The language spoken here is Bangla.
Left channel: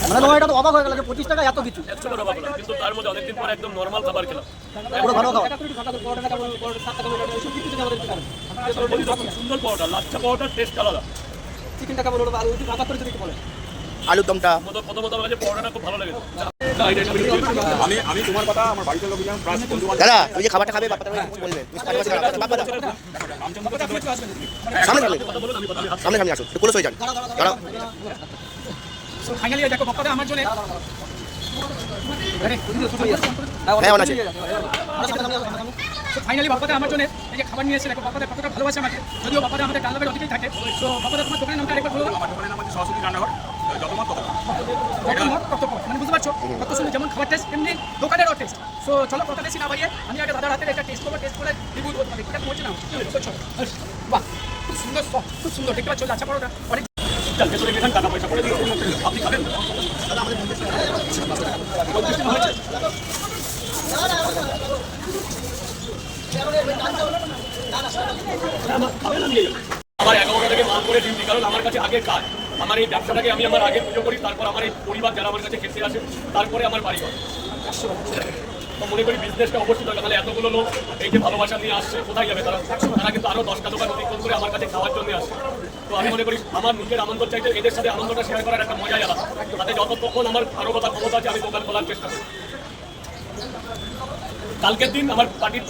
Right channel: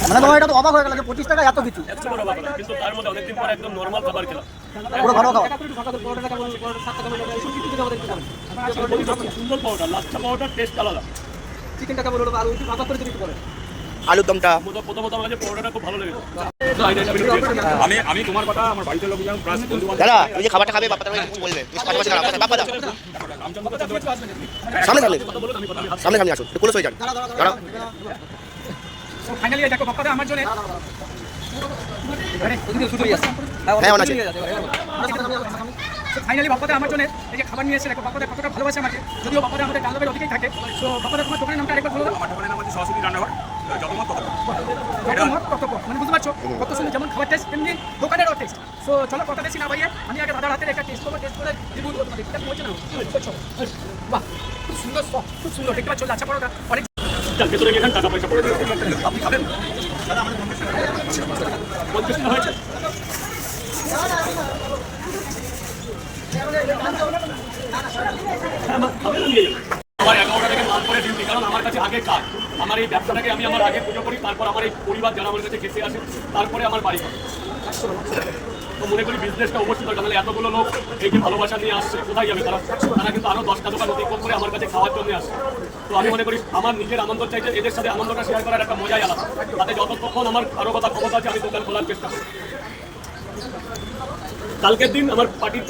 মানে তোমার এটা তো অবাক হয়ে গেল যে পঁচিশ টাকা এত কিছু। কিন্তু তার মধ্যে অনেকদিন পরে একদম নর্মাল খাবার খেলাম। পুরো খাবার। সুন্দর পাউডার লাচ্ছা পাউডার টেস্ট আলাদা। চিকেন টাকা বলো আর ওই ভাগা করে যদি একটু বলে? আলুর দমটা। প্রথম প্রথম প্রথম লাগে পাউডারটা খুব ভালো লেগেছে। আমি আমি তোমার কথা আমার বাড়িতে লোকজন প্লাস বন্ধু দাদা তুমি যে খাবারটা খাবে বলবে। দাও সামনে সামনে সামনে সামনে আসুন একটু ক্লোজ হয়ে যান। দাঁড়াও। ফাইনালি দেখো পক্কাটা আমার জন্য হ্যাঁ অন আছে। ফাইনালি বাপ্পাতে আমার জন্য এই যে খাবার নিয়ে এসে দেখো বাপ্পাতে কতটা ভালোবাসে আমাকে। যদিও বাপ্পাতে আমাদের ডালবের অধিকেই থাকে তো বাপ্পাতে তোমার দোকানের নামটা আরেকবার বলো আমার দোকানের নাম হচ্ছে সরস্বতী রান্নাঘর তত। মানে বুঝতে পারছ? কত সুন্দর যেমন খাবার টেস্ট তেমনি দোকানেরও টেস্ট তো চলো কথা বেশি না ভাইয়ে আমি আগে দাদার হাতে একটা টেস্ট করব টেস্ট করে রিভিউ দেবো তোমাদের। ঠিক আছে বলছে না চলো। বাহ খুব সুন্দর খুব সুন্দর। দেখতে পাচ্ছ লাচ্ছা পরোটা। অনেক ভেতরে গেলেন, টাকা পয়সা পড়ে দিন আপনি খাবেন পঞ্চাশ টাকা হয়েছে এই। আমার এগারোটা থেকে বার করে ডিউটি কারণ আমার কাছে আগে কাজ আমার এই ব্যবসাটাকে আমি আমার আগে পুজো করি, তারপর আমার এই পরিবার যারা আমার কাছে খেতে আসে, তারপরে আমার বাড়ি হয়। মনে করি বিজনেসটা অবশ্যই দরকার। নাহলে এতগুলো লোক এই যে ভালোবাসা নিয়ে আসছে, কোথায় যাবে? তারা তারা কিন্তু আরও দশটা দোকান বিক্রি করে আমার কাছে খাওয়ার জন্য আসে। তো আমি মনে করি আমার নিজের আনন্দ চাইতে এদের সাথে আনন্দটা শেয়ার করার একটা মজাই আলাদা। তাতে যতক্ষণ আমার আরও কথা ক্ষমতা আছে, আমি দোকান খোলার চেষ্টা করি কালকের দিন আমার পার্টির